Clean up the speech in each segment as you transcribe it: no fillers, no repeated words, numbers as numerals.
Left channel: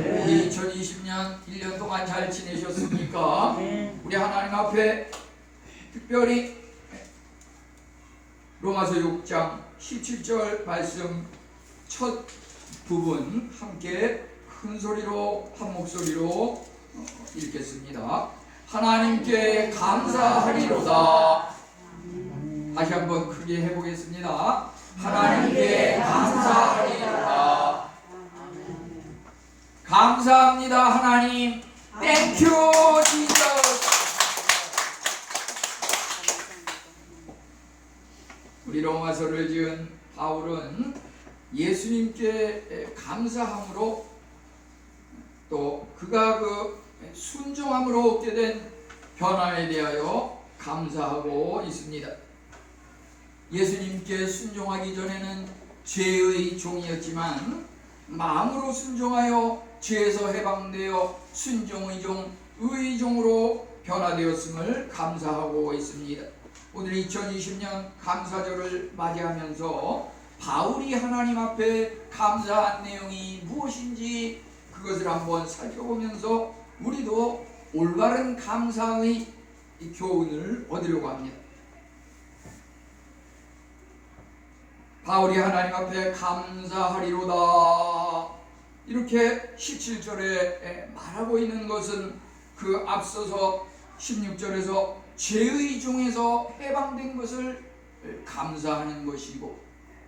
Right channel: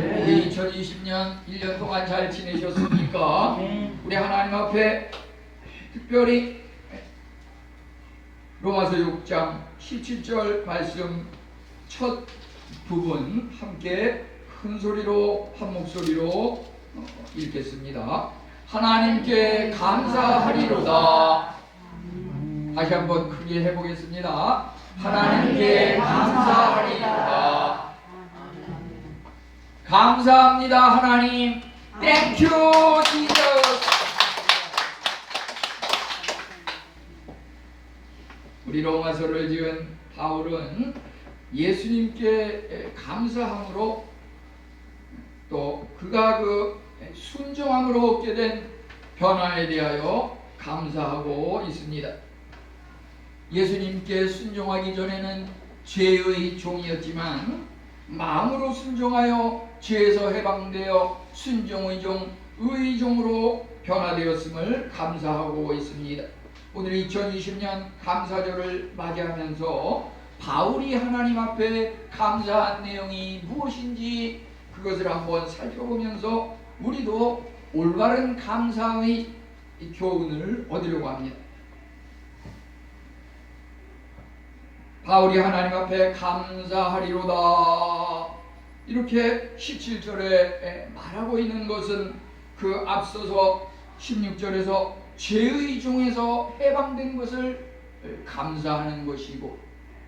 우리 2020년 1년 동안 잘 지내셨습니까? 우리 하나님 앞에 특별히 로마서 6장 17절 말씀 첫 부분 함께 큰 소리로 한 목소리로 읽겠습니다. 하나님께 감사하리로다. 다시 한번 크게 해보겠습니다. 하나님께 감사하리로다. 감사합니다 하나님. 땡큐 지저스. 우리 로마서를 지은 바울은 예수님께 감사함으로 또 그가 그 순종함으로 얻게 된 변화에 대하여 감사하고 있습니다. 예수님께 순종하기 전에는 죄의 종이었지만 마음으로 순종하여 죄에서 해방되어 순종의 종, 의의 종으로 변화되었음을 감사하고 있습니다. 오늘 2020년 감사절을 맞이하면서 바울이 하나님 앞에 감사한 내용이 무엇인지 그것을 한번 살펴보면서 우리도 올바른 감사의 교훈을 얻으려고 합니다. 바울이 하나님 앞에 감사하리로다 이렇게 17절에 말하고 있는 것은 그 앞서서 16절에서 죄의 종에서 해방된 것을 감사하는 것이고,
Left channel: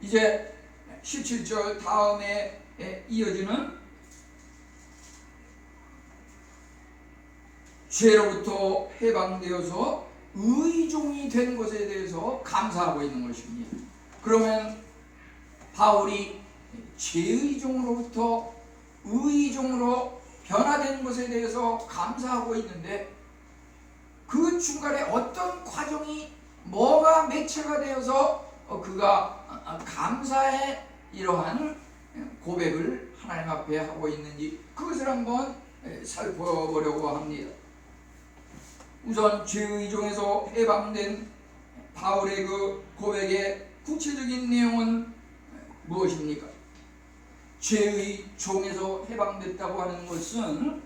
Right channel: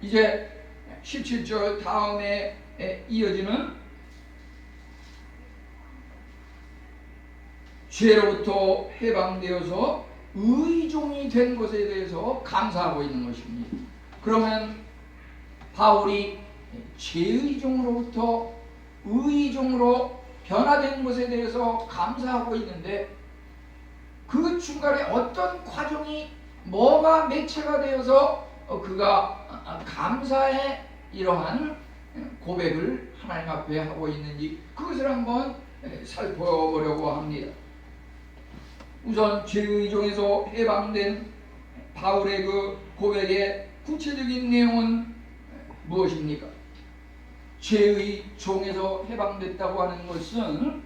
이제 17절 다음에 이어지는 죄로부터 해방되어서 의의 종이 된 것에 대해서 감사하고 있는 것입니다. 그러면 바울이 죄의 종으로부터 의의 종으로 변화된 것에 대해서 감사하고 있는데, 그 중간에 어떤 과정이 뭐가 매체가 되어서 그가 감사의 이러한 고백을 하나님 앞에 하고 있는지 그것을 한번 살펴보려고 합니다. 우선 죄의 종에서 해방된 바울의 그 고백의 구체적인 내용은 무엇입니까? 죄의 종에서 해방됐다고 하는 것은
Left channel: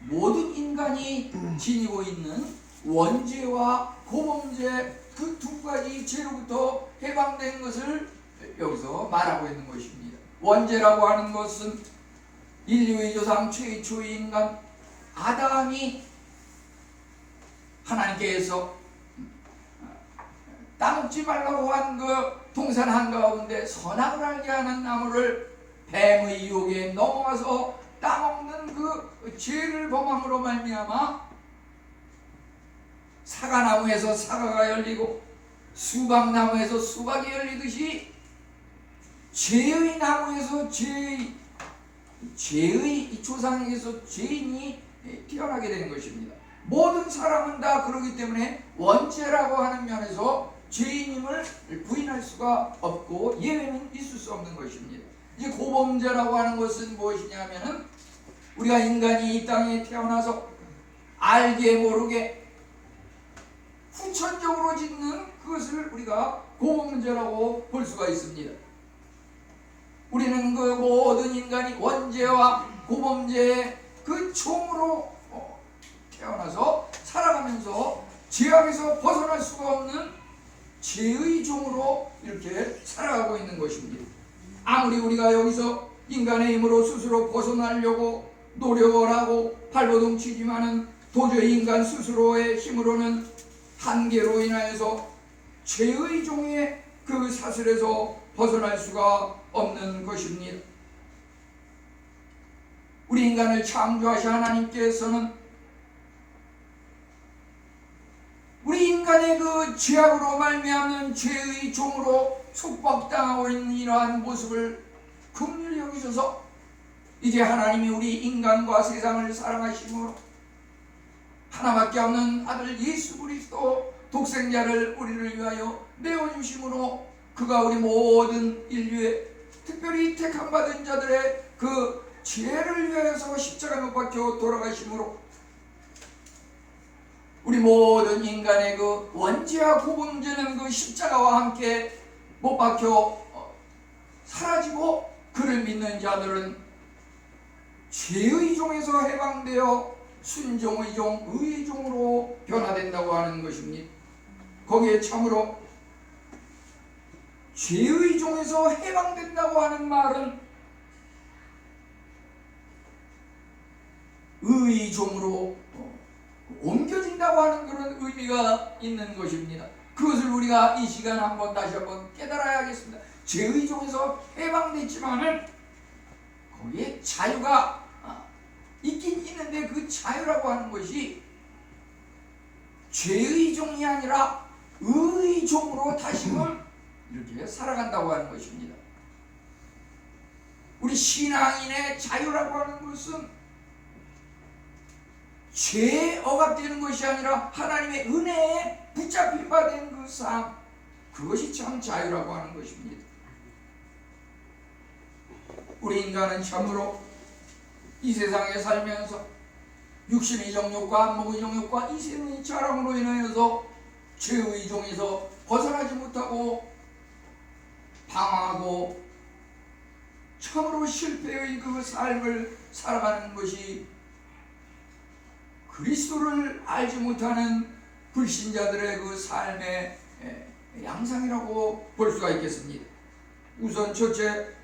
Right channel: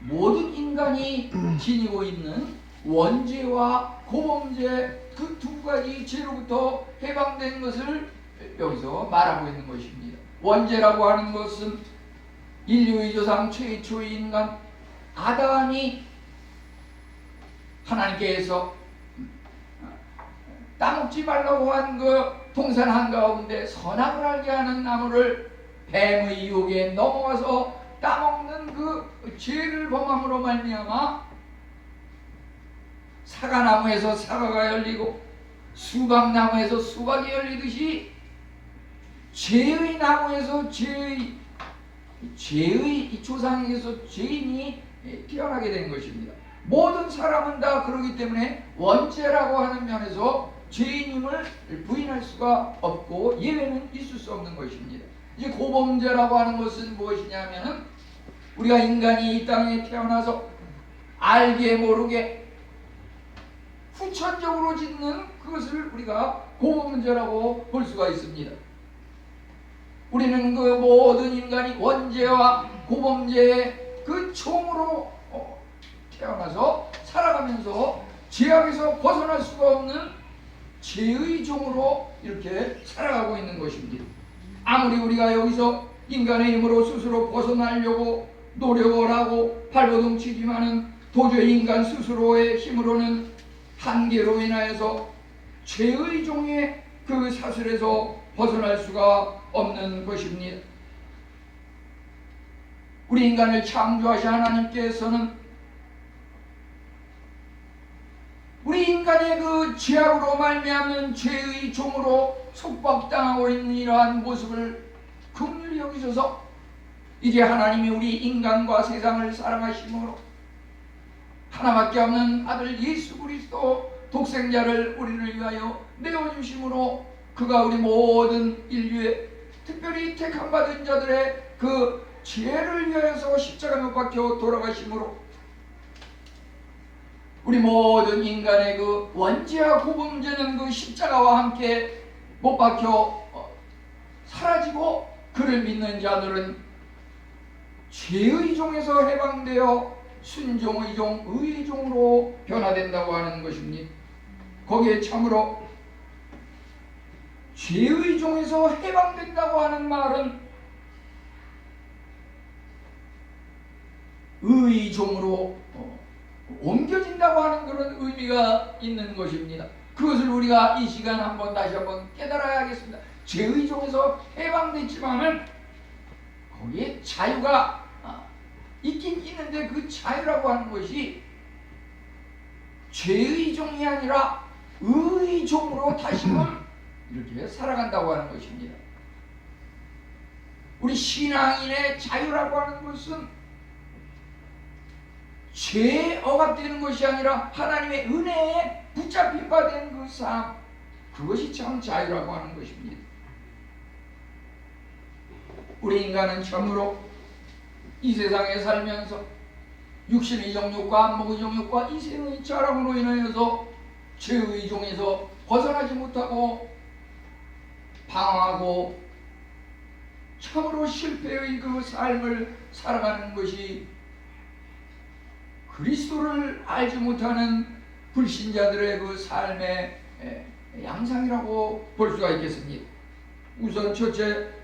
모든 인간이 지니고 있는 원죄와 고범죄 그 두 가지 죄로부터 해방된 것을 여기서 말하고 있는 것입니다. 원죄라고 하는 것은 인류의 조상 최초의 인간 아담이 하나님께서 따먹지 말라고 한 그 동산 한가운데 선악을 알게 하는 나무를 뱀의 유혹에 넘어와서 따먹는 그 죄를 범함으로 말미암아 사과나무에서 사과가 열리고 수박나무에서 수박이 열리듯이 죄의 나무에서 죄의 조상에게서 죄인이 태어나게 된 것입니다. 모든 사람은 다 그러기 때문에 원죄라고 하는 면에서 죄인임을 부인할 수가 없고 예외는 있을 수 없는 것입니다. 이제 고범죄라고 하는 것은 무엇이냐면은 우리가 인간이 이 땅에 태어나서 알게 모르게 후천적으로 짓는 그것을 우리가 고범죄라고 볼 수가 있습니다. 우리는 그 모든 인간이 원죄와 고범죄의 그 총으로 태어나서 살아가면서 죄악에서 벗어날 수가 없는 죄의 종으로 이렇게 살아가고 있는 것입니다. 아무리 우리가 여기서 인간의 힘으로 스스로 벗어나려고 노력을 하고 발버둥 치지만은 도저히 인간 스스로의 힘으로는 한계로 인하여서 죄의 종의 그 사슬에서 벗어날 수가 없는 것입니다. 우리 인간을 창조하신 하나님께서는 우리 인간의 그 죄악으로 말미암는 죄의 종으로 속박당하고 있는 이러한 모습을 긍휼히 여기셔서 이제 하나님이 우리 인간과 세상을 사랑하심으로 하나밖에 없는 아들 예수 그리스도 독생자를 우리를 위하여 내어주심으로 그가 우리 모든 인류의 특별히 택함받은 자들의 그 죄를 위하여서 십자가 못 박혀 돌아가심으로 우리 모든 인간의 그 원죄와 고범죄는 그 십자가와 함께 못 박혀 사라지고 그를 믿는 자들은 죄의 종에서 해방되어 순종의 종, 의의 종으로 변화된다고 하는 것입니다. 거기에 참으로 죄의 종에서 해방된다고 하는 말은 의의 종으로 옮겨진다고 하는 그런 의미가 있는 것입니다. 그것을 우리가 이 시간 다시 한번 깨달아야 하겠습니다. 죄의 종에서 해방됐지만은 거기에 자유가 있긴 있는데 그 자유라고 하는 것이 죄의 종이 아니라 의의 종으로 다시금 이렇게 살아간다고 하는 것입니다. 우리 신앙인의 자유라고 하는 것은 죄에 억압되는 것이 아니라 하나님의 은혜에 붙잡힌 바 된 그 삶, 그것이 참 자유라고 하는 것입니다. 우리 인간은 참으로 이 세상에 살면서 육신의 정욕과 안목의 정욕과 이생의 자랑으로 인하여서 죄의 종에서 벗어나지 못하고 방황하고 참으로 실패의 그 삶을 살아가는 것이 그리스도를 알지 못하는 불신자들의 그 삶의 양상이라고 볼 수가 있겠습니다. 우선 첫째,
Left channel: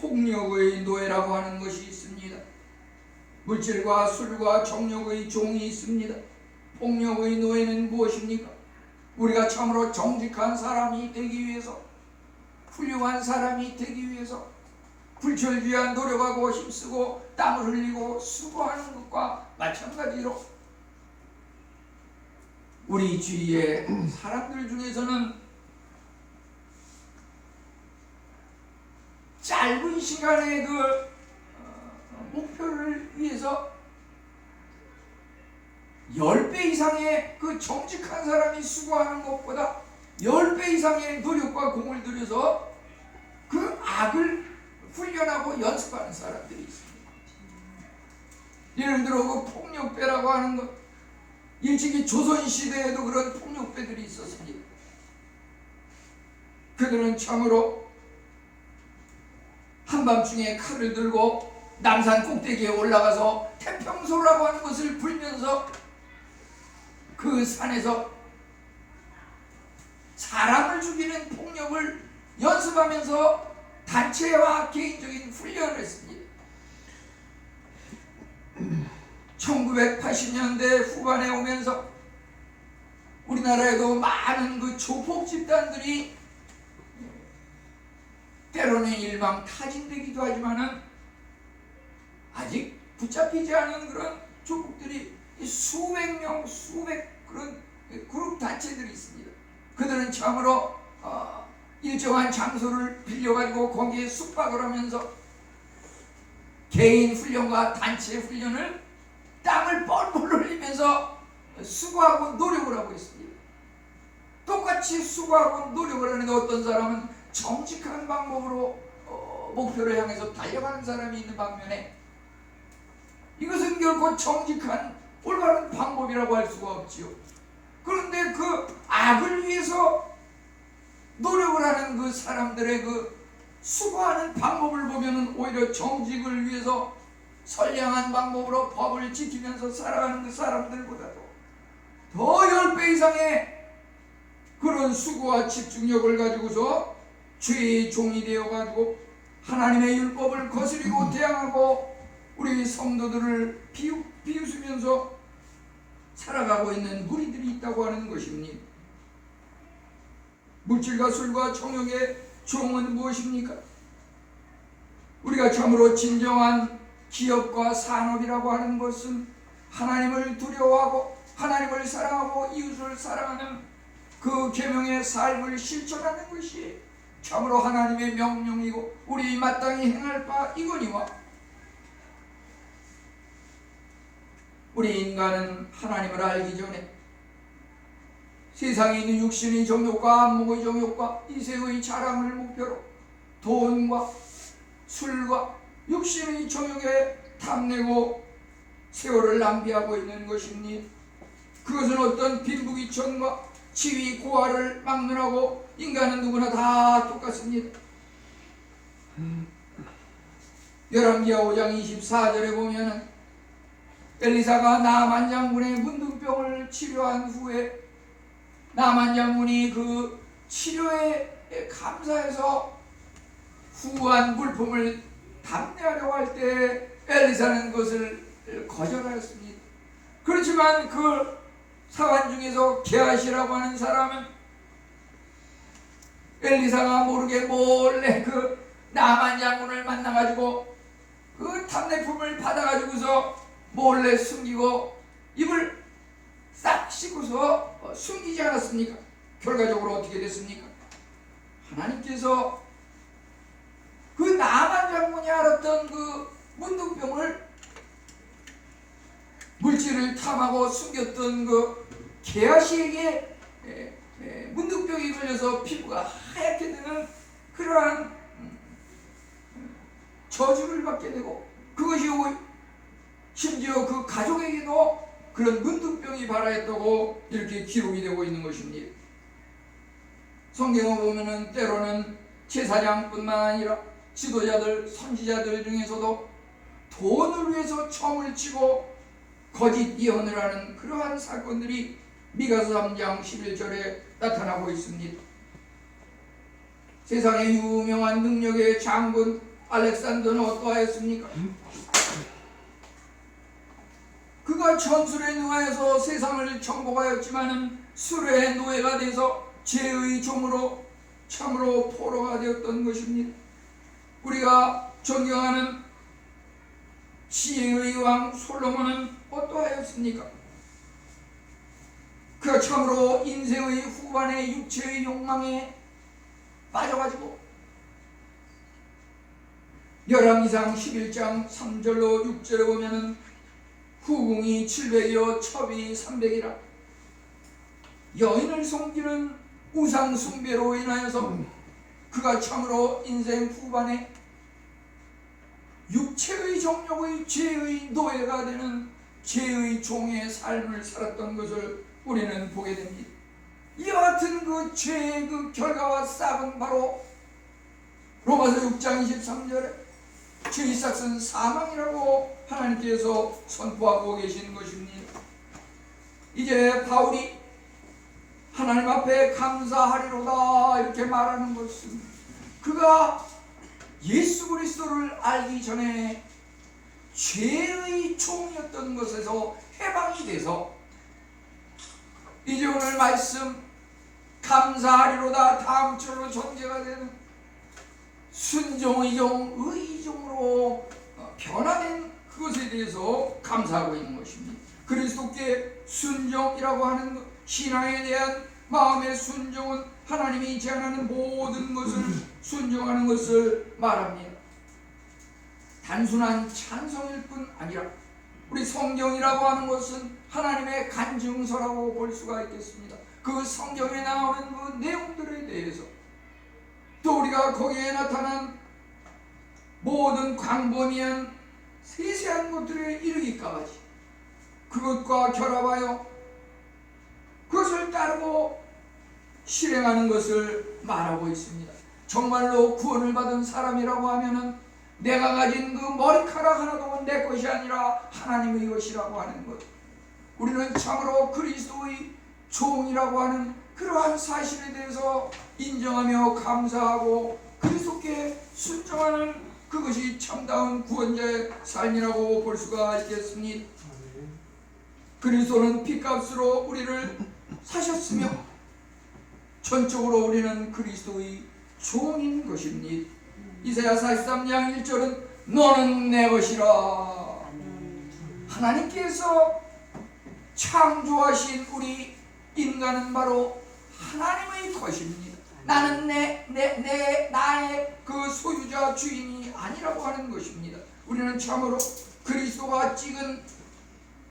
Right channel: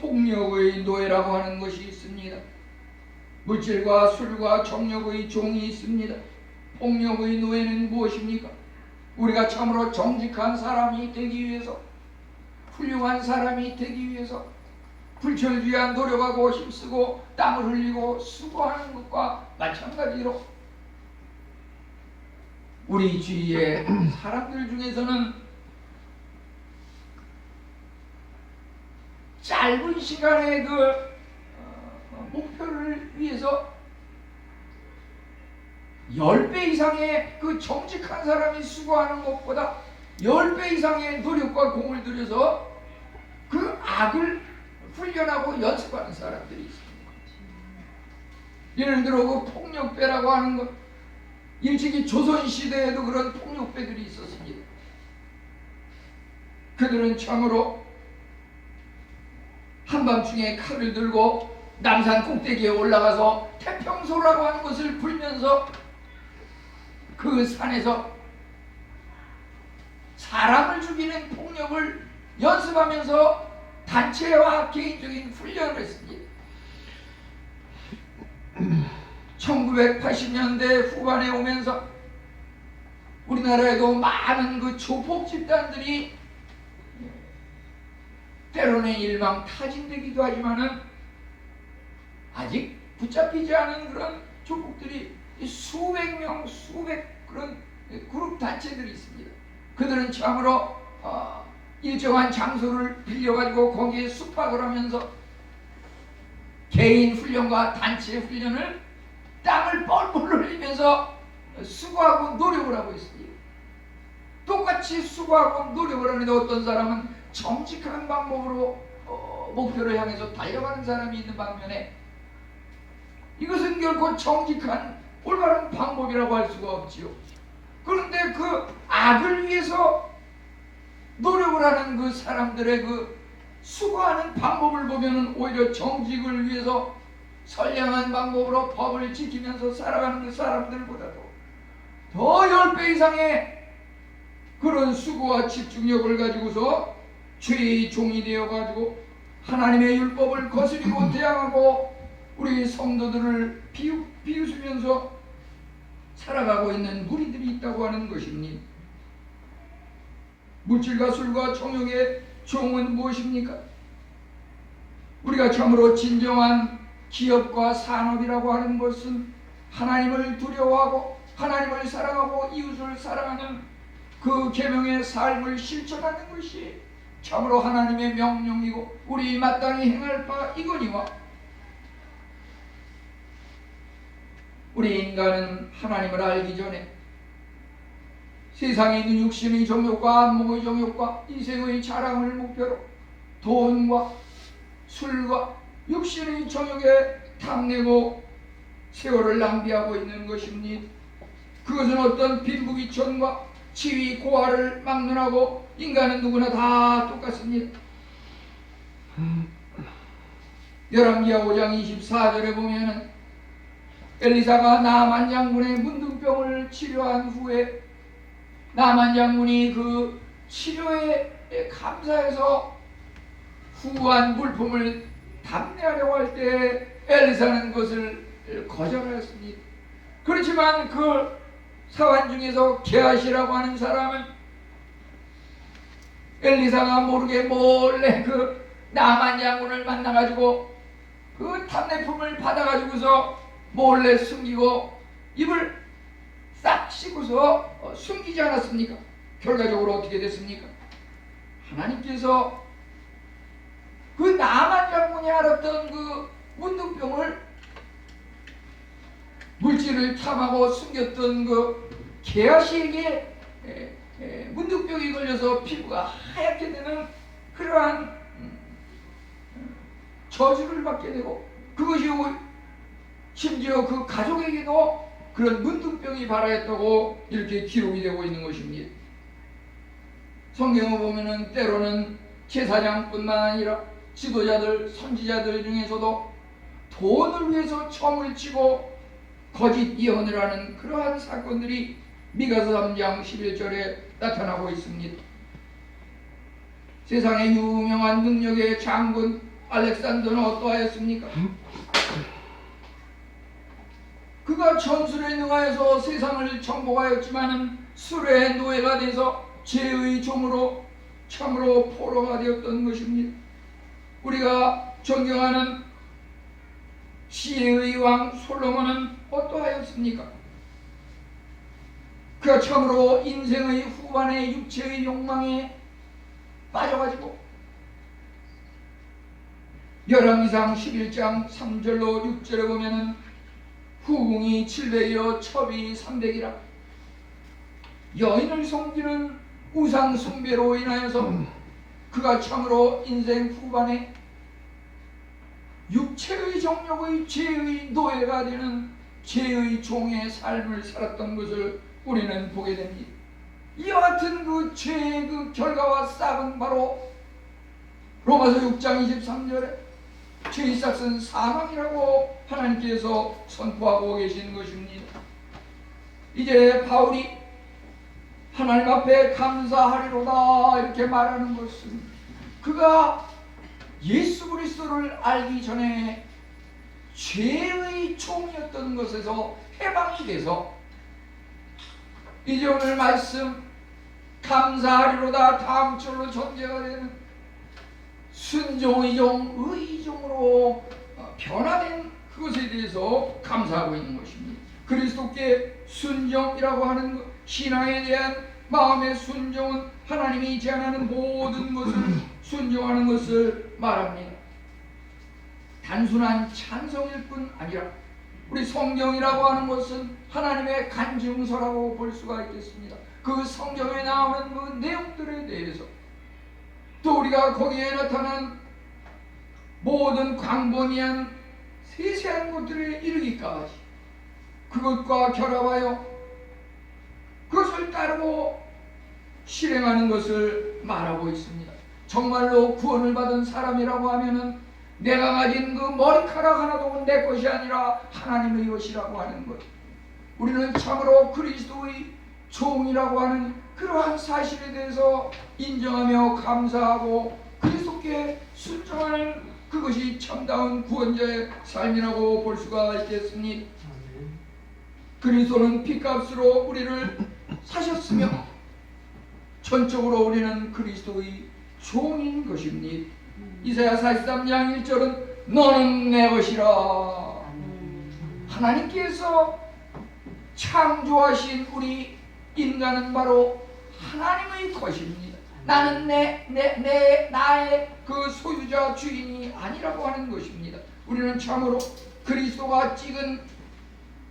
폭력의 노예라고 하는 것이 있습니다. 물질과 술과 정욕의 종이 있습니다. 폭력의 노예는 무엇입니까? 우리가 참으로 정직한 사람이 되기 위해서, 훌륭한 사람이 되기 위해서 불철주야 노력하고 힘쓰고 땀을 흘리고 수고하는 것과 마찬가지로 우리 주위의 사람들 중에서는 짧은 시간의 그 목표를 위해서 10배 이상의 그 정직한 사람이 수고하는 것보다 10배 이상의 노력과 공을 들여서 그 악을 훈련하고 연습하는 사람들이 있습니다. 예를 들어 그 폭력배라고 하는 것, 일찍이 조선시대에도 그런 폭력배들이 있었습니다. 그들은 참으로 한밤중에 칼을 들고 남산 꼭대기에 올라가서 태평소라고 하는 것을 불면서 그 산에서 사람을 죽이는 폭력을 연습하면서 단체와 개인적인 훈련을 했습니다. 1980년대 후반에 오면서 우리나라에도 많은 그 조폭 집단들이 때로는 일망타진되기도 하지만은 아직 붙잡히지 않은 그런 조폭들이 수백 명, 수백 그런 그룹 단체들이 있습니다. 그들은 참으로 일정한 장소를 빌려가지고 거기에 숙박을 하면서 개인 훈련과 단체 훈련을 땀을 뻘뻘 흘리면서 수고하고 노력을 하고 있습니다. 똑같이 수고하고 노력을 하는데 어떤 사람은 정직한 방법으로 목표를 향해서 달려가는 사람이 있는 반면에 이것은 결코 정직한 올바른 방법이라고 할 수가 없지요. 그런데 그 악을 위해서 노력을 하는 그 사람들의 그 수고하는 방법을 보면은 오히려 정직을 위해서 선량한 방법으로 법을 지키면서 살아가는 그 사람들보다도 더 10배 이상의 그런 수고와 집중력을 가지고서 죄의 종이 되어가지고 하나님의 율법을 거스리고 대항하고 우리 성도들을 비웃으면서 살아가고 있는 무리들이 있다고 하는 것입니다. 물질과 술과 정욕의 종은 무엇입니까? 우리가 참으로 진정한 기업과 산업이라고 하는 것은 하나님을 두려워하고 하나님을 사랑하고 이웃을 사랑하는 그 계명의 삶을 실천하는 것이 참으로 하나님의 명령이고 우리 마땅히 행할 바 이거니와, 우리 인간은 하나님을 알기 전에 세상에 있는 육신의 정욕과 안목의 정욕과 이생의 자랑을 목표로 돈과 술과 육신의 정욕에 탐내고 세월을 낭비하고 있는 것입니다. 그것은 어떤 빈부귀천과 지위 고하를 막론하고 인간은 누구나 다 똑같습니다. 열왕기하 5장 24절에 보면은 엘리사가 나만 장군의 문둥병을 치료한 후에 나만 장군이 그 치료에 감사해서 후한 물품을 담내하려고 할 때 엘리사는 그것을 거절하였습니다. 그렇지만 그 사환 중에서 게하시라고 하는 사람은 엘리사가 모르게 몰래 그 나만 장군을 만나가지고 그 담내품을 받아가지고서 몰래 숨기고 입을 싹 씻고서 숨기지 않았습니까? 결과적으로 어떻게 됐습니까? 하나님께서 그 나만 장군이 알았던 그 문둥병을 물질을 탐하고 숨겼던 그 게하시에게 문둥병이 걸려서 피부가 하얗게 되는 그러한 저주를 받게 되고, 그것이 심지어 그 가족에게도 그런 문둥병이 발하였다고 이렇게 기록이 되고 있는 것입니다. 성경을 보면은 때로는 제사장뿐만 아니라 지도자들, 선지자들 중에서도 돈을 위해서 점을 치고 거짓 예언을 하는 그러한 사건들이 미가서 3장 11절에 나타나고 있습니다. 세상의 유명한 능력의 장군 알렉산더는 어떠하였습니까? 그가 전술에 능하여서 세상을 정복하였지만은 술의 노예가 돼서 죄의 종으로 참으로 포로가 되었던 것입니다. 우리가 존경하는 시의 왕 솔로몬은 어떠하였습니까? 그가 참으로 인생의 후반에 육체의 욕망에 빠져가지고 열왕기상 11장 3절로 6절에 보면은 후궁이 700이요 첩이 300이라 여인을 섬기는 우상 숭배로 인하여서 그가 참으로 인생 후반에 육체의 정욕의 죄의 노예가 되는 죄의 종의 삶을 살았던 것을 우리는 보게 됩니다. 이와 같은 그 죄의 그 결과와 싹은 바로 로마서 6장 23절에 죄의 싹은 사망이라고 하나님께서 선포하고 계신 것입니다. 이제 바울이 하나님 앞에 감사하리로다 이렇게 말하는 것은 그가 예수 그리스도를 알기 전에 죄의 종이었던 것에서 해방이 돼서 이제 오늘 말씀 감사하리로다 다음 절로 전제가 되는 순종의 종, 의의 종으로 변화된 그것에 대해서 감사하고 있는 것입니다. 그리스도께 순종이라고 하는 것, 신앙에 대한 마음의 순종은 하나님이 제안하는 모든 것을 순종하는 것을 말합니다. 단순한 찬성일 뿐 아니라 우리 성경이라고 하는 것은 하나님의 간증서라고 볼 수가 있겠습니다. 그 성경에 나오는 그 내용들에 대해서 또 우리가 거기에 나타난 모든 광범위한 세세한 것들에 이르기까지 그것과 결합하여 그것을 따르고 실행하는 것을 말하고 있습니다. 정말로 구원을 받은 사람이라고 하면은 내가 가진 그 머리카락 하나도 내 것이 아니라 하나님의 것이라고 하는 것, 우리는 참으로 그리스도의 종이라고 하는 그러한 사실에 대해서 인정하며 감사하고 그리스도께 순종하는 그것이 참다운 구원자의 삶이라고 볼 수가 있겠습니다. 그리스도는 피값으로 우리를 사셨으며 전적으로 우리는 그리스도의 종인 것입니다. 이사야 43장 1절은 너는 내 것이라. 하나님께서 창조하신 우리 인간은 바로 하나님의 것입니다. 나는 나의 그 소유자 주인이 아니라고 하는 것입니다. 우리는 참으로 그리스도가 찍은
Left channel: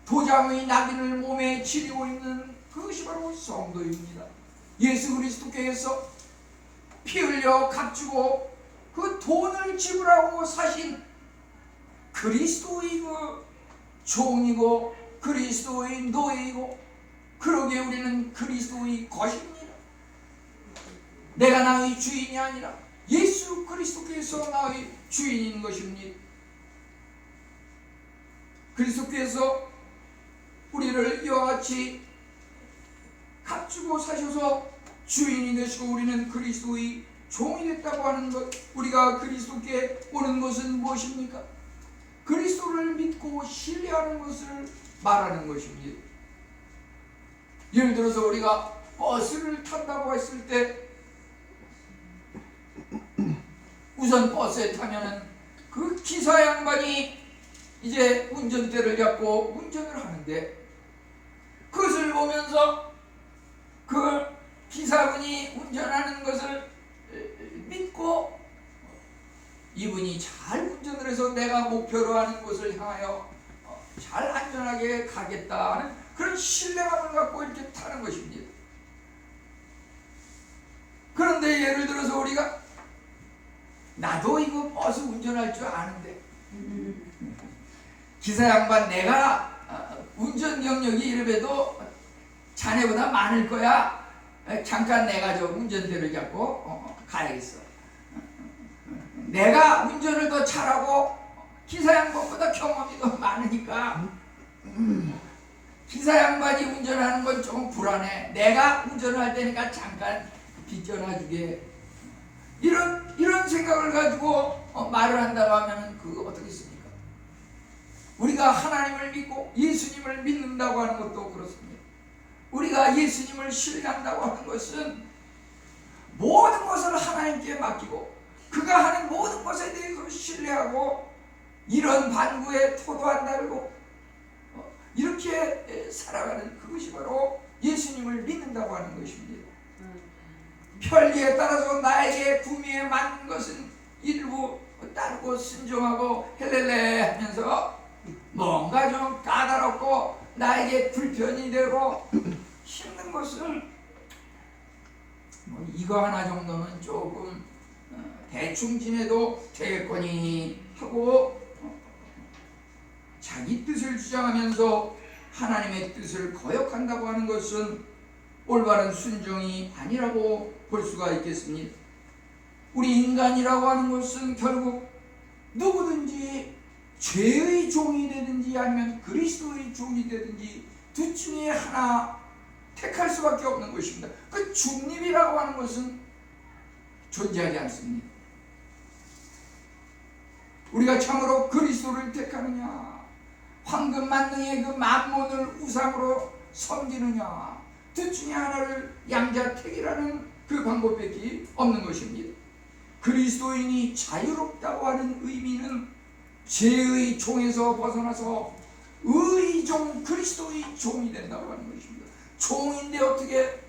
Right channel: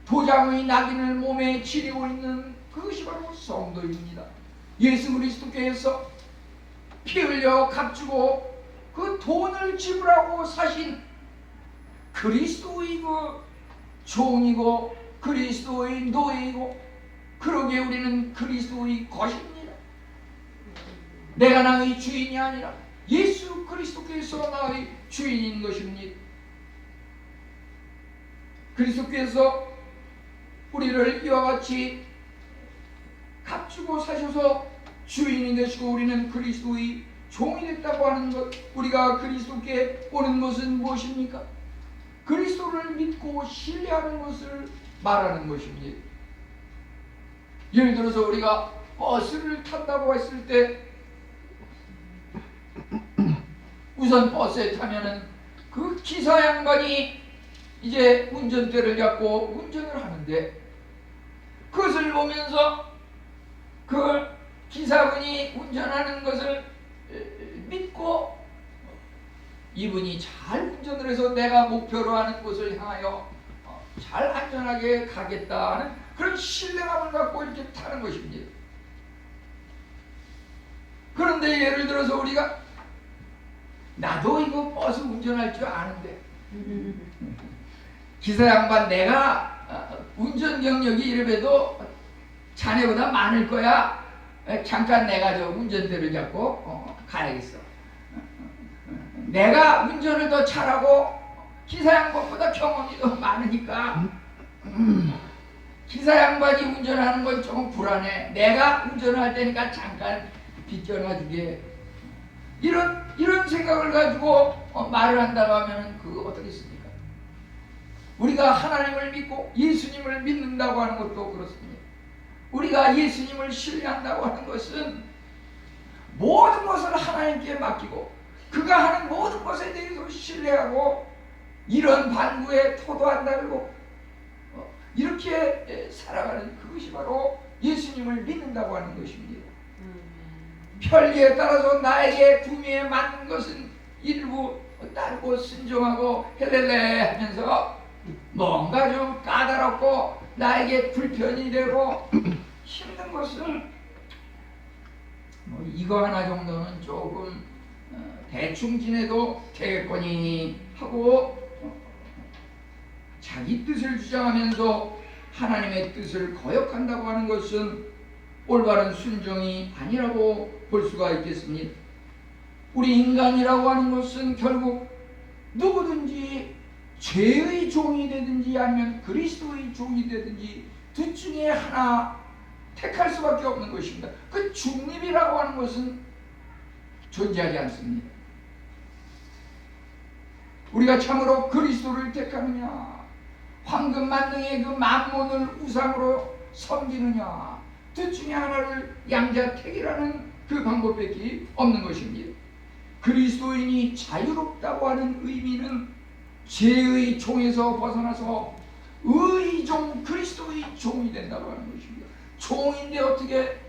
도장의 낙인을 몸에 지니고 있는 그것이 바로 성도입니다. 예수 그리스도께서 피 흘려 값주고 그 돈을 지불하고 사신 그리스도의 그 종이고 그리스도의 노예이고, 그러기에 우리는 그리스도의 것입니다. 내가 나의 주인이 아니라 예수 그리스도께서 나의 주인인 것입니다. 그리스도께서 우리를 이와 같이 값주고 사셔서 주인이 되시고 우리는 그리스도의 종이 됐다고 하는 것, 우리가 그리스도께 오는 것은 무엇입니까? 그리스도를 믿고 신뢰하는 것을 말하는 것입니다. 예를 들어서 우리가 버스를 탄다고 했을 때 우선 버스에 타면은 그 기사 양반이 이제 운전대를 잡고 운전을 하는데, 그것을 보면서 그 기사분이 운전하는 것을 믿고 이분이 잘 운전을 해서 내가 목표로 하는 곳을 향하여 잘 안전하게 가겠다는 그런 신뢰감을 갖고 이렇게 타는 것입니다. 그런데 예를 들어서 우리가 나도 이거 버스 운전할 줄 아는데 기사 양반 내가 운전 경력이 이래봬도 자네보다 많을 거야. 잠깐 내가 저 운전대를 잡고 가야겠어. 내가 운전을 더 잘하고 기사 양반보다 경험이 더 많으니까 기사 양반이 운전하는 건 조금 불안해. 내가 운전을 할 테니까 잠깐 뒷전화 주게. 이런 생각을 가지고 말을 한다고 하면 그거 어떻게 씁니까? 우리가 하나님을 믿고 예수님을 믿는다고 하는 것도 그렇습니다. 우리가 예수님을 신뢰한다고 하는 것은 모든 것을 하나님께 맡기고 그가 하는 모든 것에 대해서 신뢰하고 이런 반구에 토도한다고 이렇게 살아가는 그것이 바로 예수님을 믿는다고 하는 것입니다. 편리에 따라서 나에게 구미에 맞는 것은 일부 따르고 순종하고 헬렐레 하면서 뭔가 좀 까다롭고 나에게 불편이 되고 힘든 것은 이거 하나 정도는 조금 대충 지내도 되겠거니 하고 자기 뜻을 주장하면서 하나님의 뜻을 거역한다고 하는 것은 올바른 순종이 아니라고 볼 수가 있겠습니다. 우리 인간이라고 하는 것은 결국 누구든지 죄의 종이 되든지 아니면 그리스도의 종이 되든지 둘 중에 하나 택할 수밖에 없는 것입니다. 그 중립이라고 하는 것은 존재하지 않습니다. 우리가 참으로 그리스도를 택하느냐, 황금 만능의 그 만몬을 우상으로 섬기느냐, 둘 중에 하나를 양자택이라는 그 방법밖에 없는 것입니다. 그리스도인이 자유롭다고 하는 의미는 죄의 종에서 벗어나서 의종, 그리스도의 종이 된다고 하는 것입니다. 종인데 어떻게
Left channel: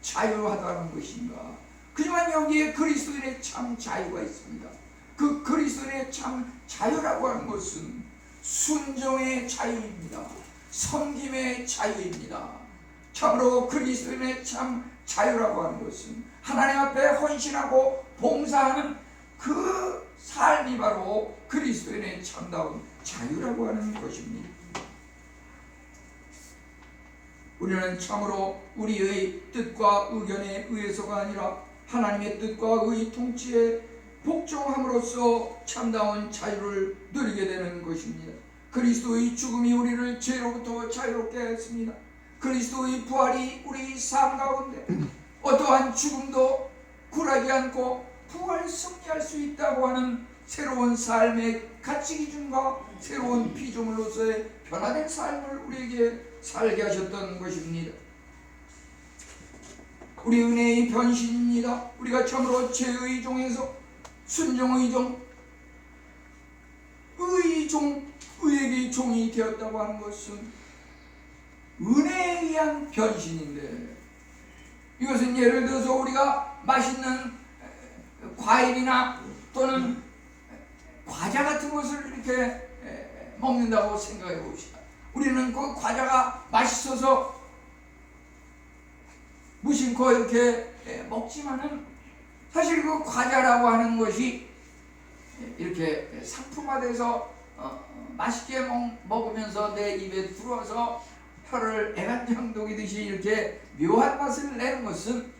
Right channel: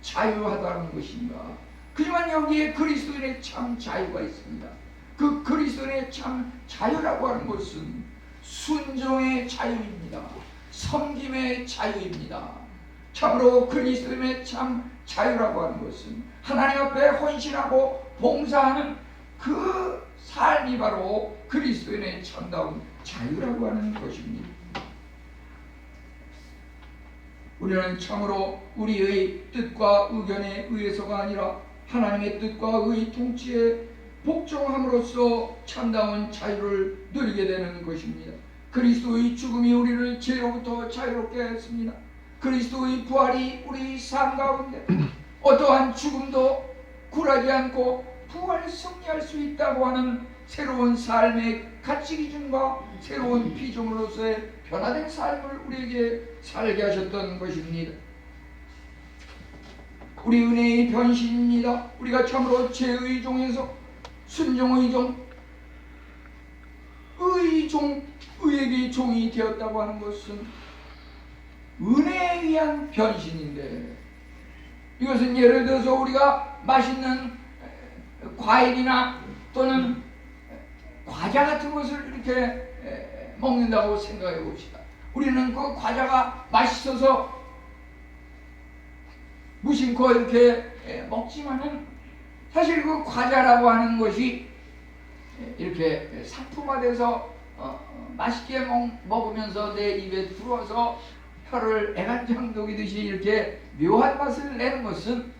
자유하다는 것인가? 하지만 여기에 그리스도인의 참 자유가 있습니다. 그 그리스도인의 참 자유라고 하는 것은 순종의 자유입니다. 섬김의 자유입니다. 참으로 그리스도인의 참 자유라고 하는 것은 하나님 앞에 헌신하고 봉사하는 그 삶이 바로 그리스도인의 참다운 자유라고 하는 것입니다. 우리는 참으로 우리의 뜻과 의견에 의해서가 아니라 하나님의 뜻과 의 통치에 복종함으로써 참다운 자유를 누리게 되는 것입니다. 그리스도의 죽음이 우리를 죄로부터 자유롭게 했습니다. 그리스도의 부활이 우리 삶 가운데 어떠한 죽음도 굴하지 않고 부활 승리할 수 있다고 하는 새로운 삶의 가치 기준과 새로운 피조물로서의 변화된 삶을 우리에게 살게 하셨던 것입니다. 우리 은혜의 변신입니다. 우리가 참으로 죄의 종에서 순종의 종, 의의 종, 의에게 종이 되었다고 하는 것은 은혜에 의한 변신인데, 이것은 예를 들어서 우리가 맛있는 과일이나 또는 과자 같은 것을 이렇게 먹는다고 생각해 봅시다. 우리는 그 과자가 맛있어서 무심코 이렇게 먹지만은 사실 그 과자라고 하는 것이 이렇게 상품화돼서 맛있게 먹으면서 내 입에 들어와서 혀를 애간장 녹이듯이 이렇게 묘한 맛을 내는 것은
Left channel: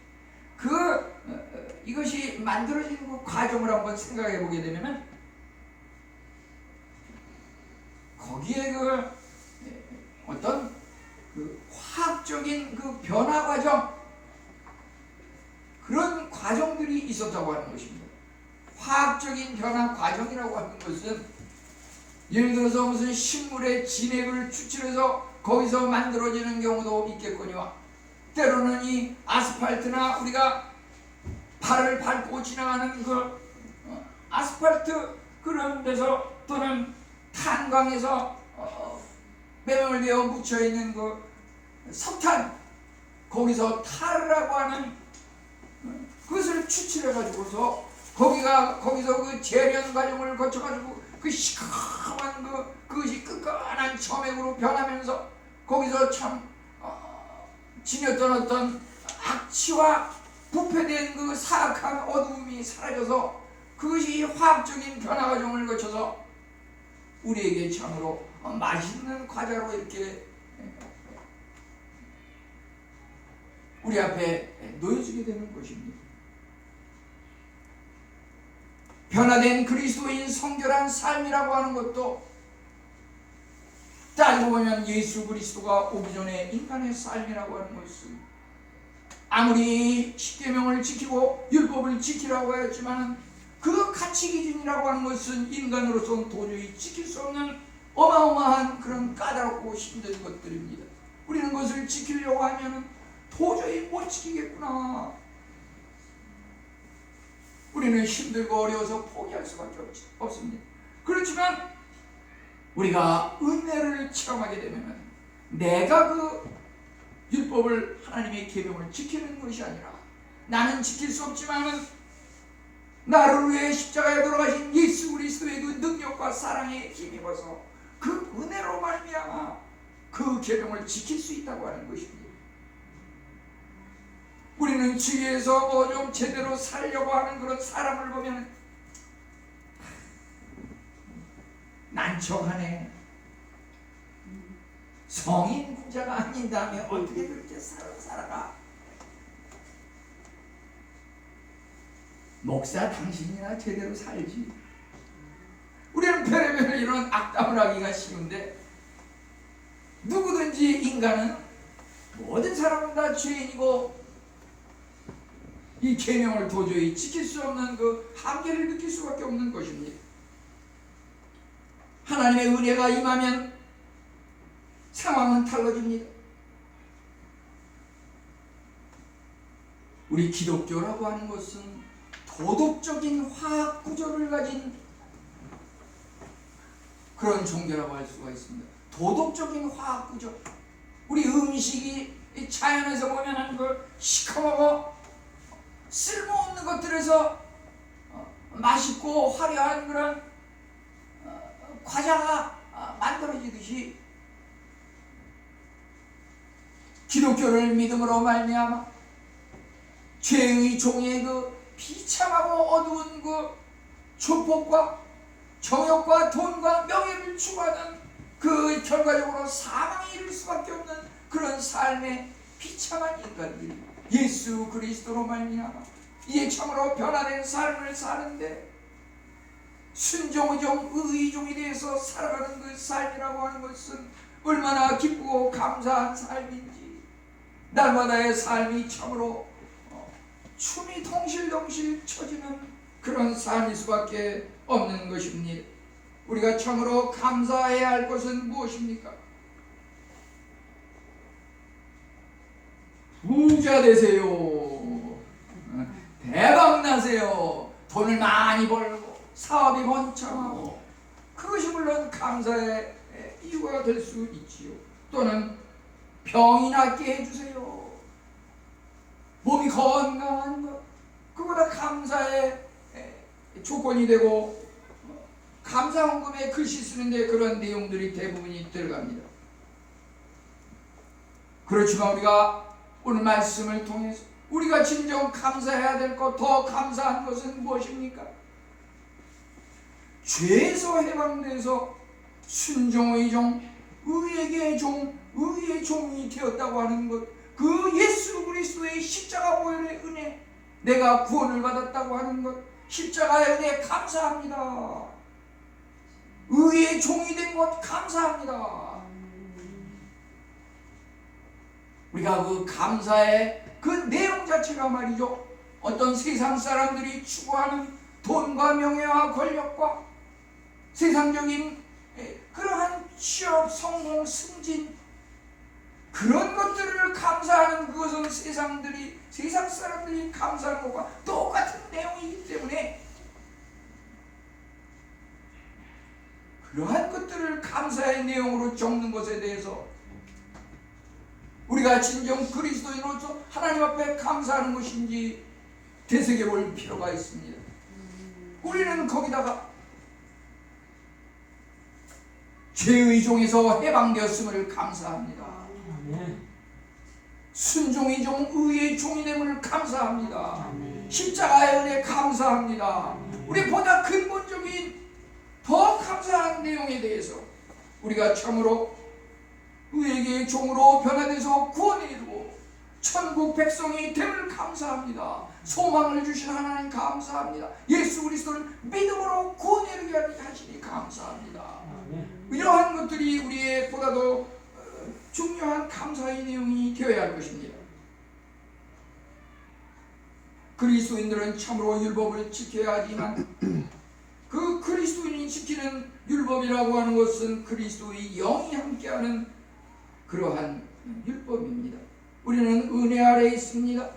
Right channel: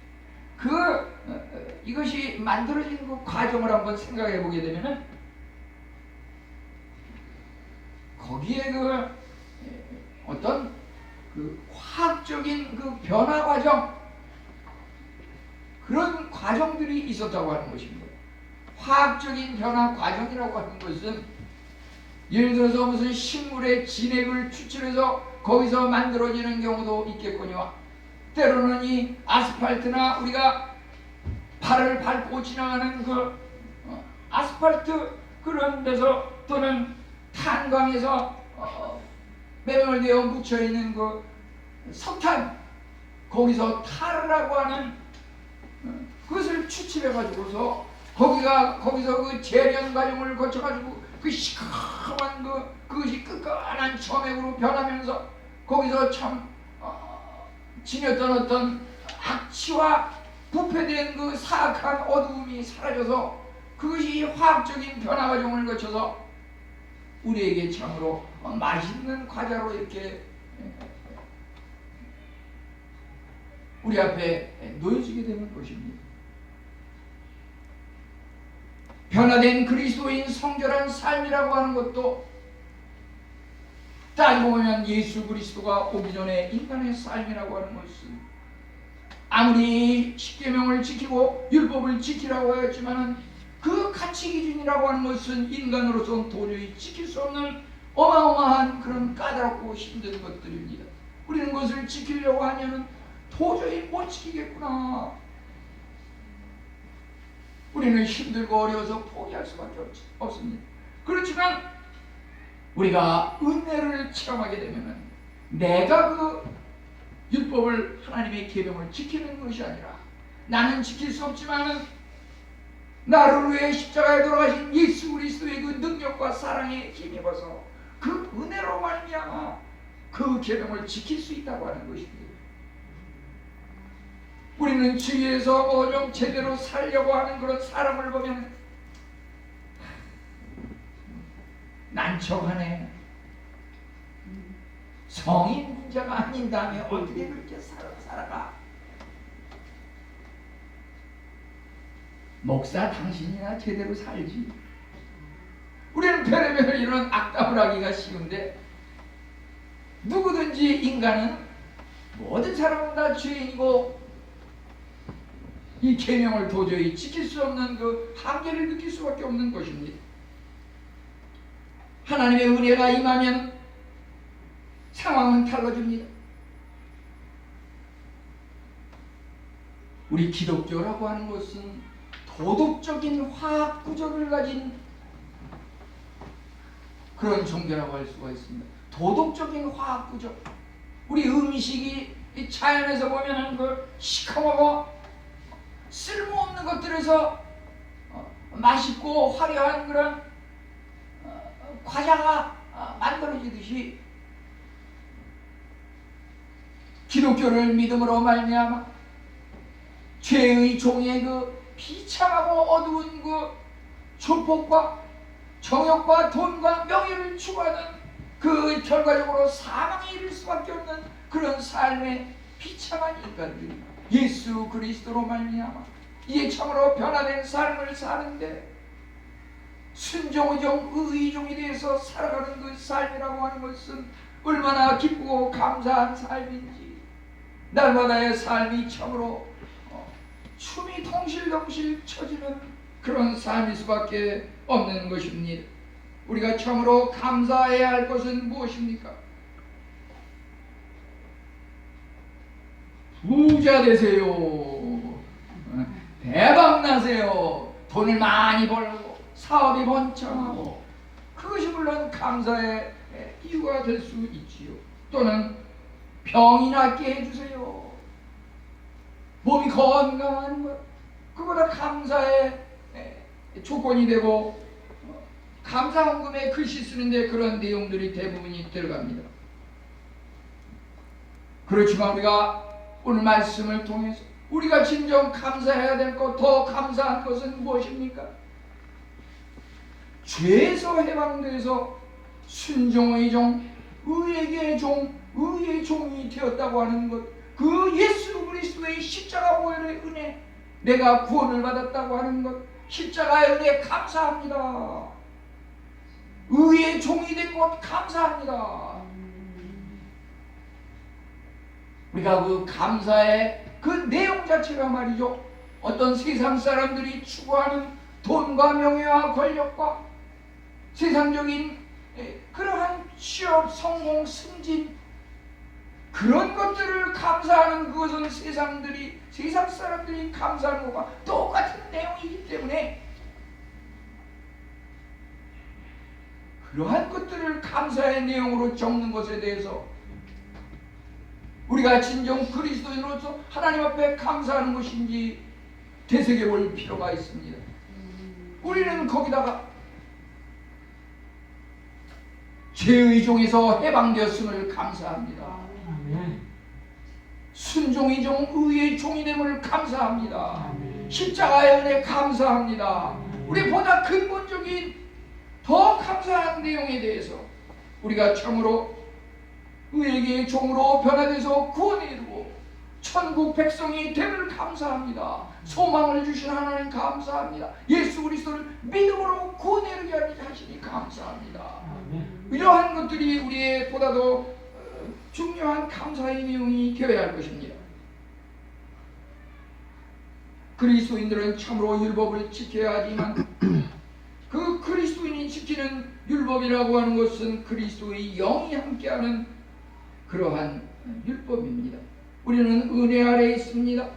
이것이 만들어지는 그 과정을 한번 생각해 보게 되면은 거기에 어떤 화학적인 변화 과정, 그런 과정들이 있었다고 하는 것입니다. 화학적인 변화 과정이라고 하는 것은 예를 들어서 무슨 식물의 진액을 추출해서 거기서 만들어지는 경우도 있겠거니와, 때로는 이 아스팔트나 우리가 발을 밟고 지나가는 아스팔트 그런 데서, 또는 탄광에서 매몰되어 묻혀있는 석탄, 거기서 타르라고 하는 그것을 추출해가지고서 거기서 재련 과정을 거쳐가지고 시커먼 그것이 끈끈한 점액으로 변하면서 거기서 참 지녔던 어떤 악취와 부패된 사악한 어두움이 사라져서 그것이 화학적인 변화 과정을 거쳐서 우리에게 참으로 맛있는 과자로 이렇게 우리 앞에 놓여지게 되는 것입니다. 변화된 그리스도인 성결한 삶이라고 하는 것도 따지고 보면 예수 그리스도가 오기 전에 인간의 삶이라고 하는 것은 아무리 십계명을 지키고 율법을 지키라고 하였지만 그 가치 기준이라고 하는 것은 인간으로서는 도저히 지킬 수 없는 어마어마한 그런 까다롭고 힘든 것들입니다. 우리는 그것을 지키려고 하면 도저히 못 지키겠구나. 우리는 힘들고 어려워서 포기할 수밖에 없습니다. 그렇지만 우리가 은혜를 체험하게 되면 내가 율법을, 하나님의 계명을 지키는 것이 아니라 나는 지킬 수 없지만 나를 위해 십자가에 돌아가신 예수 그리스도의 능력과 사랑에 힘입어서 그 은혜로 말미암아 그 계명을 지킬 수 있다고 하는 것입니다. 우리는 주위에서 좀 제대로 살려고 하는 그런 사람을 보면 난처하네. 성인 문제가 아닌 다음에 어떻게 그렇게 살아가? 목사 당신이나 제대로 살지. 우리는 별의별 이런 악담을 하기가 쉬운데, 누구든지 인간은 모든 사람은 다 죄인이고 이 계명을 도저히 지킬 수 없는 한계를 느낄 수밖에 없는 것입니다. 하나님의 은혜가 임하면 상황은 달라집니다. 우리 기독교라고 하는 것은 도덕적인 화학 구조를 가진 그런 종교라고 할 수가 있습니다. 도덕적인 화학 구조. 우리 음식이 자연에서 보면 시커멓고 쓸모없는 것들에서 맛있고 화려한 그런 과자가 만들어지듯이 기독교를 믿음으로 말미암아 죄의 종의 비참하고 어두운 조폭과 정욕과 돈과 명예를 추구하는 결과적으로 사망에 이를 수밖에 없는 그런 삶의 비참한 인간들, 예수 그리스도로 말미암아 이제 참으로 변화된 삶을 사는데 순종의 종, 의의 종이 되어서 살아가는 그 삶이라고 하는 것은 얼마나 기쁘고 감사한 삶인지, 날마다의 삶이 참으로 춤이 덩실덩실 쳐지는 그런 삶일 수밖에 없는 것입니다. 우리가 참으로 감사해야 할 것은 무엇입니까? 부자 되세요. 대박 나세요. 돈을 많이 벌고 사업이 번창하고, 그것이 물론 감사의 이유가 될 수 있지요. 또는 병이 낫게 해주세요. 몸이 건강한 것, 그거다 감사의 조건이 되고, 감사헌금에 글씨 쓰는데 그런 내용들이 대부분이 들어갑니다. 그렇지만 우리가 오늘 말씀을 통해서 우리가 진정 감사해야 될 것, 더 감사한 것은 무엇입니까? 죄에서 해방돼서 순종의 종, 의에게 종, 의의 종이 되었다고 하는 것, 그 예수 그리스도의 십자가 보혈의 은혜, 내가 구원을 받았다고 하는 것, 십자가의 은혜에 감사합니다. 의의 종이 된 곧 감사합니다. 우리가 그 감사의 그 내용 자체가 말이죠, 어떤 세상 사람들이 추구하는 돈과 명예와 권력과 세상적인 그러한 취업, 성공, 승진, 그런 것들을 감사하는 그것은 세상 사람들이 감사하는 것과 똑같은 내용이기 때문에 그러한 것들을 감사의 내용으로 적는 것에 대해서 우리가 진정 그리스도인으로서 하나님 앞에 감사하는 것인지 되새겨볼 필요가 있습니다. 우리는 거기다가 죄의 종에서 해방되었음을 감사합니다. 순종의 종, 의의 종이 됨을 감사합니다. 십자가의 은혜 감사합니다. 우리 보다 근본적인 더 감사한 내용에 대해서 우리가 참으로 의의 종으로 변화돼서 구원에 이르고 천국 백성이 됨을 감사합니다. 소망을 주신 하나님 감사합니다. 예수 그리스도를 믿음으로 구원에 이르게 하시니 감사합니다. 이러한 것들이 우리의 보다도 중요한 감사의 내용이 되어야 할 것입니다. 그리스도인들은 참으로 율법을 지켜야 하지만 그 그리스도인이 지키는 율법이라고 하는 것은 그리스도의 영이 함께하는 그러한 율법입니다. 우리는 은혜 아래에 있습니다.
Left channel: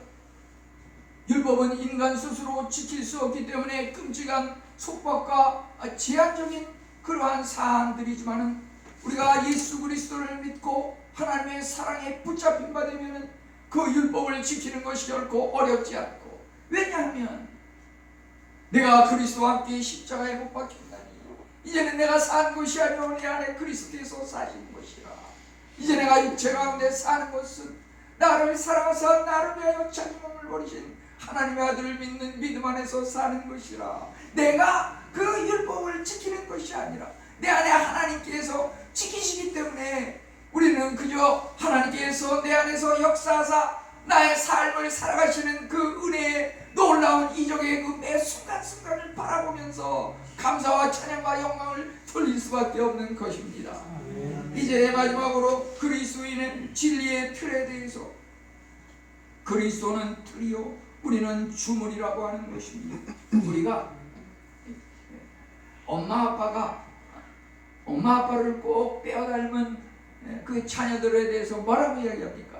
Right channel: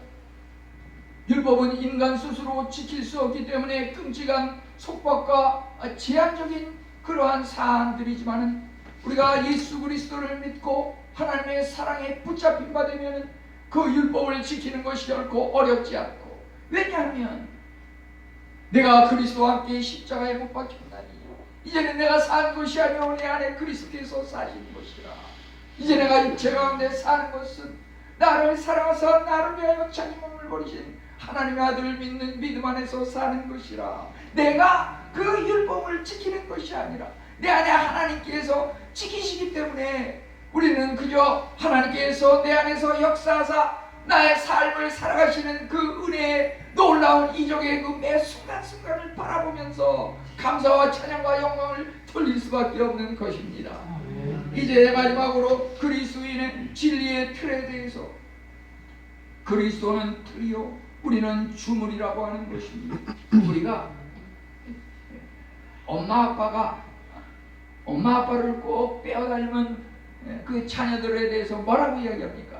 율법은 인간 스스로 지킬 수 없기 때문에 끔찍한 속박과 제한적인 그러한 사항들이지만 우리가 예수 그리스도를 믿고 하나님의 사랑에 붙잡힌 바 되면 그 율법을 지키는 것이 결코 어렵지 않고, 왜냐하면 내가 그리스도와 함께 십자가에 못 박혔나니 이제는 내가 사는 것이 아니오 내 안에 그리스도께서 사시는 것이라. 이제 내가 육체 가운데 사는 것은 나를 사랑하사 나를 위하여 자기 몸을 버리신 하나님의 아들을 믿는 믿음 안에서 사는 것이라. 내가 그 율법을 지키는 것이 아니라 내 안에 하나님께서 지키시기 때문에 우리는 그저 하나님께서 내 안에서 역사하사 나의 삶을 살아가시는 그 은혜의 놀라운 이적의 그 매 순간순간을 바라보면서 감사와 찬양과 영광을 돌릴 수밖에 없는 것입니다. 이제 마지막으로 그리스도인의 진리의 틀에 대해서, 그리스도는 틀이요 우리는 주물이라고 하는 것입니다. 우리가 엄마 아빠를 꼭 빼어닮은 그 자녀들에 대해서 뭐라고 이야기합니까?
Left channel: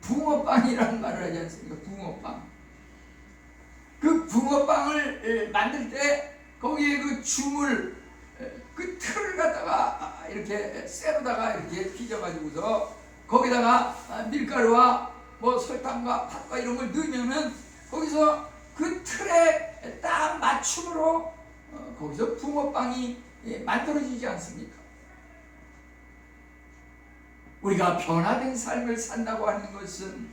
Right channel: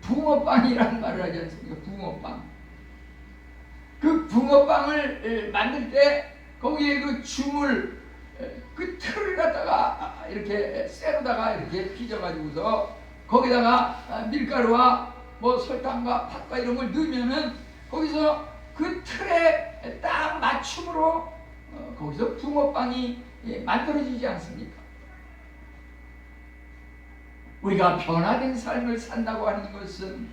붕어빵이라는 말을 하지 않습니까? 붕어빵. 그 붕어빵을 만들 때 거기에 그 주물, 그 틀을 갖다가 이렇게 쇠로다가 이렇게 빚어가지고서 거기다가 밀가루와 뭐 설탕과 팥과 이런 걸 넣으면은 거기서 그 틀에 딱 맞춤으로 거기서 붕어빵이 만들어지지 않습니까? 우리가 변화된 삶을 산다고 하는 것은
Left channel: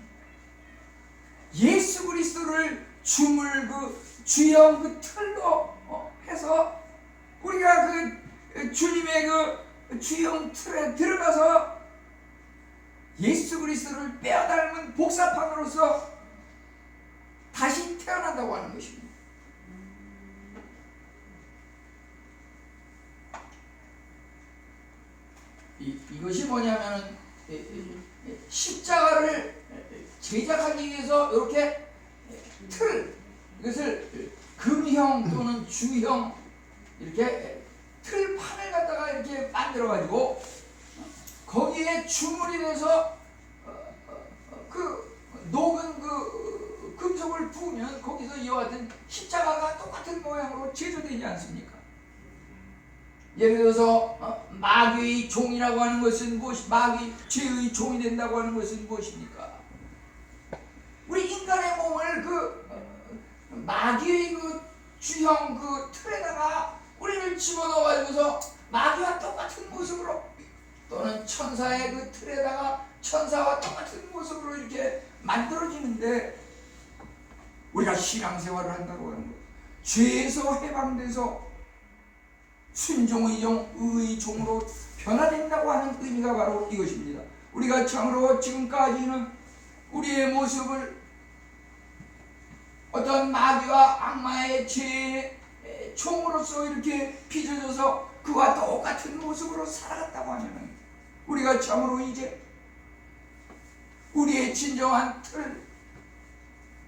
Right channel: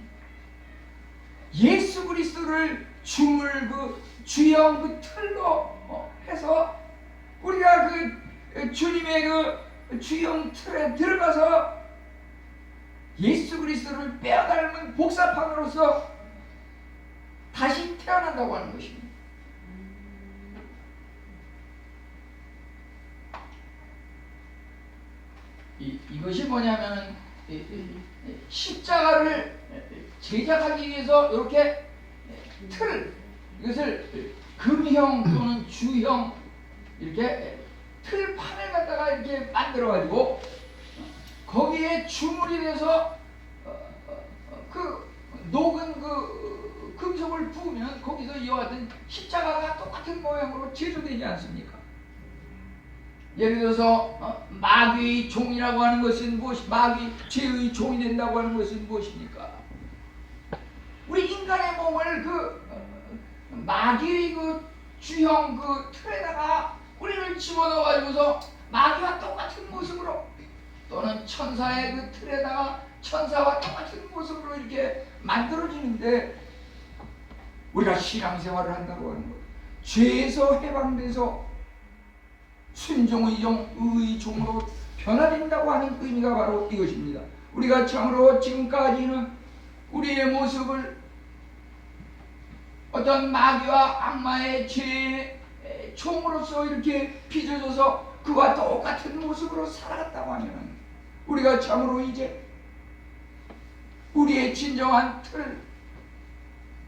예수 그리스도를 주물 그 주형 그 틀로 해서 우리가 그 주님의 그 주형 틀에 들어가서 예수 그리스도를 빼어닮은 복사판으로서 다시 태어난다고 하는 것입니다. 이것이 뭐냐면은 십자가를 제작하기 위해서 이렇게 이것을 금형 또는 주형 이렇게 틀판을 갖다가 이렇게 만들어 가지고 거기에 주물이 돼서 그 녹은 그 금속을 부으면 거기서 이와 같은 십자가가 똑같은 모양으로 제조되지 않습니까? 예를 들어서 마귀의 종이라고 하는 것은 마귀 죄의 종이 된다고 하는 것은 무엇입니까? 우리 인간의 몸을 그 마귀의 그 주형 그 틀에다가 우리를 집어넣어 가지고서 마귀와 똑같은 모습으로, 또는 천사의 그 틀에다가 천사와 똑같은 모습으로 이렇게 만들어지는데, 우리가 신앙생활을 한다고 하는 것, 죄에서 해방돼서 순종의 종, 의의 종으로 변화된다고 하는 의미가 바로 이것입니다. 우리가 참으로 지금까지는 우리의 모습을 어떤 마귀와 악마의 죄의 종으로서 이렇게 빚어져서 그와 똑같은 모습으로 살아갔다고 하면 우리가 참으로 이제 우리의 진정한 틀,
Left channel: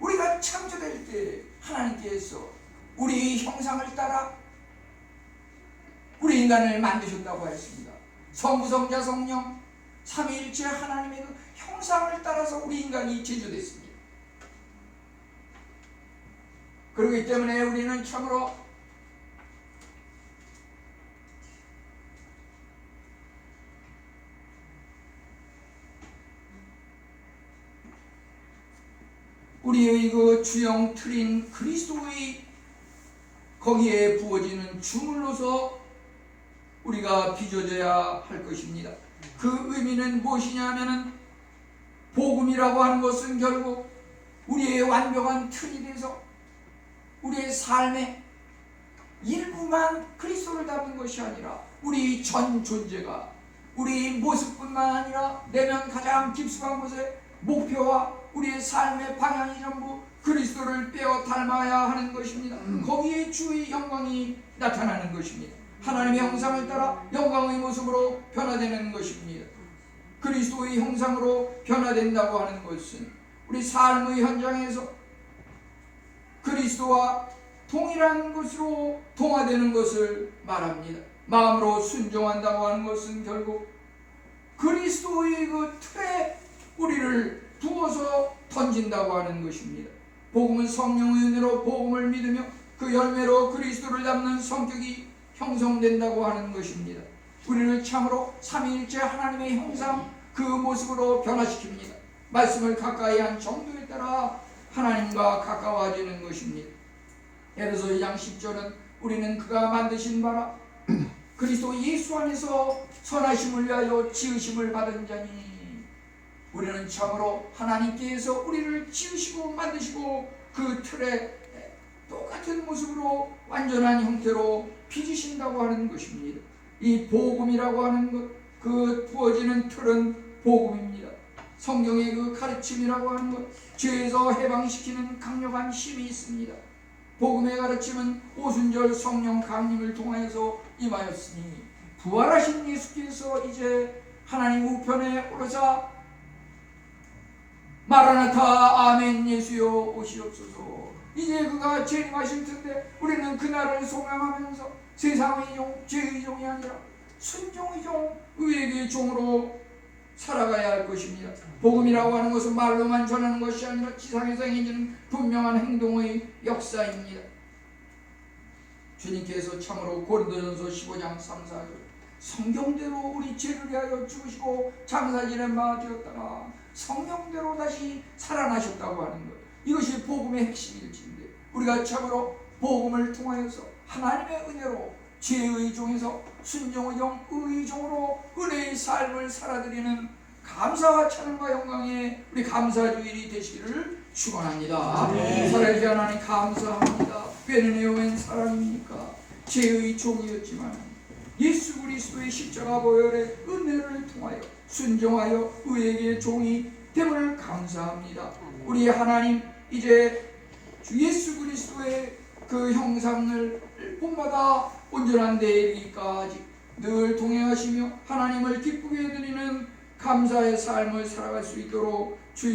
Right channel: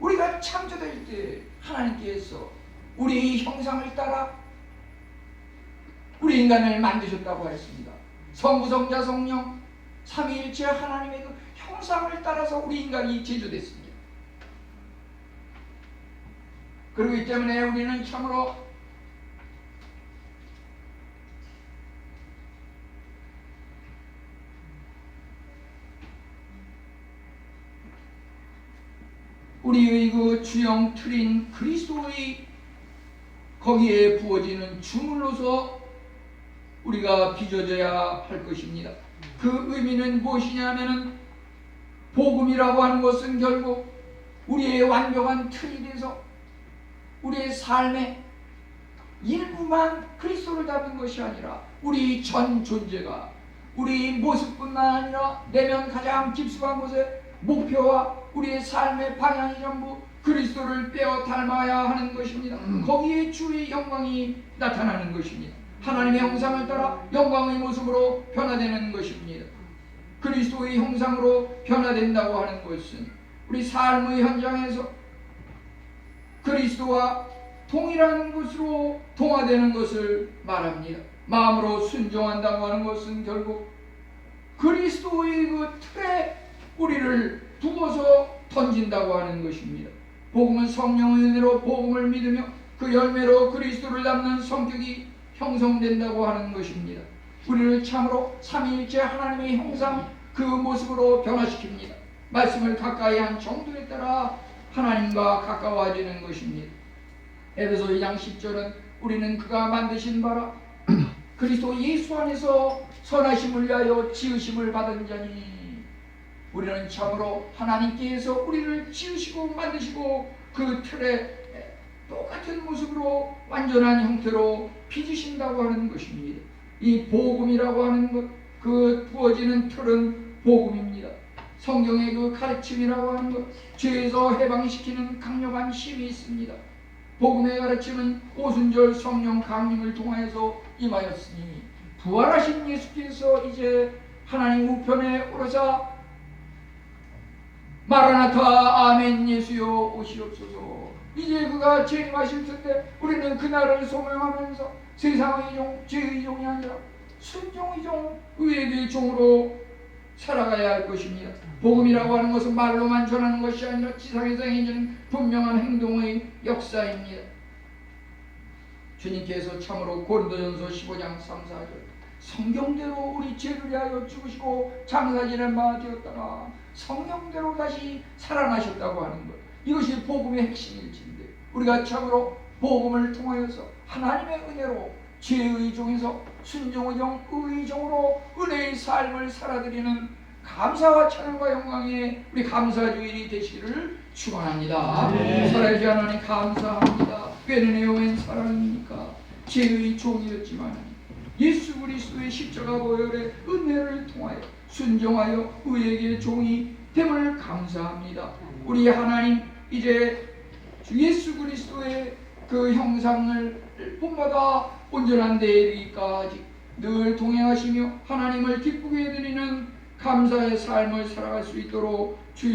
우리가 창조될 때 하나님께서 우리 형상을 따라 우리 인간을 만드셨다고 했습니다. 성부, 성자, 성령 삼위일체 하나님의 그 형상을 따라서 우리 인간이 제조됐습니다. 그렇기 때문에 우리는 참으로 우리의 그 주형 틀인 그리스도의 거기에 부어지는 주물로서 우리가 빚어져야 할 것입니다. 그 의미는 무엇이냐면은 복음이라고 하는 것은 결국 우리의 완벽한 틀이 돼서 우리의 삶의 일부만 그리스도를 담은 것이 아니라 우리 전 존재가 우리 모습뿐만 아니라 내면 가장 깊숙한 곳에 목표와 우리의 삶의 방향이 전부 그리스도를 빼어 닮아야 하는 것입니다. 거기에 주의 영광이 나타나는 것입니다. 하나님의 형상을 따라 영광의 모습으로 변화되는 것입니다. 그리스도의 형상으로 변화된다고 하는 것은 우리 삶의 현장에서 그리스도와 동일한 것으로 동화되는 것을 말합니다. 마음으로 순종한다고 하는 것은 결국 그리스도의 그 틀에 우리를 두어서 던진다고 하는 것입니다. 복음은 성령의 은혜로 복음을 믿으며 그 열매로 그리스도를 닮는 성격이 형성된다고 하는 것입니다. 우리를 참으로 삼위일체 하나님의 형상 그 모습으로 변화시킵니다. 말씀을 가까이 한 정도에 따라 하나님과 가까워지는 것입니다. 에베소 2장 10절은 우리는 그가 만드신 바라 그리스도 예수 안에서 선하심을 위하여 지으심을 받은 자니 우리는 참으로 하나님께서 우리를 지으시고 만드시고 그 틀에 똑같은 모습으로 완전한 형태로 빚으신다고 하는 것입니다. 이 복음이라고 하는 것, 그 부어지는 틀은 복음입니다. 성경의 그 가르침이라고 하는 것, 죄에서 해방시키는 강력한 힘이 있습니다. 복음의 가르침은 오순절 성령 강림을 통하여서 임하였으니 부활하신 예수께서 이제 하나님 우편에 오르사 마라나타 아멘 예수여 오시옵소서. 이제 그가 재림하실 텐데 우리는 그날을 소명하면서 세상의 종, 죄의 종이 아니라 순종의 종, 의의 종으로 살아가야 할 것입니다. 복음이라고 하는 것은 말로만 전하는 것이 아니라 지상에서 행해지는 분명한 행동의 역사입니다. 주님께서 참으로 고린도전서 15장 3, 4절 성경대로 우리 죄를 위하여 죽으시고 장사지는 바 되었다가 성경대로 다시 살아나셨다고 하는 것, 이것이 복음의 핵심일진데 우리가 참으로 복음을 통하여서 하나님의 은혜로 죄의 종에서 순종의 종, 의의 종으로 은혜의 삶을 살아드리는 감사와 찬양과 영광의 우리 감사주일이 되시기를 축원합니다. 살아계신 하나님 감사합니다. 꾀는 웬 사랑입니까? 죄의 종이었지만 예수 그리스도의 십자가 보혈의 은혜를 통하여 순종하여 의에게 종이 됨을 감사합니다. 우리 하나님 이제 주 예수 그리스도의 그 형상을 본받아 온전한 데에 이르기까지 늘 동행하시며 하나님을 기쁘게 해드리는 감사의 삶을 살아갈 수 있도록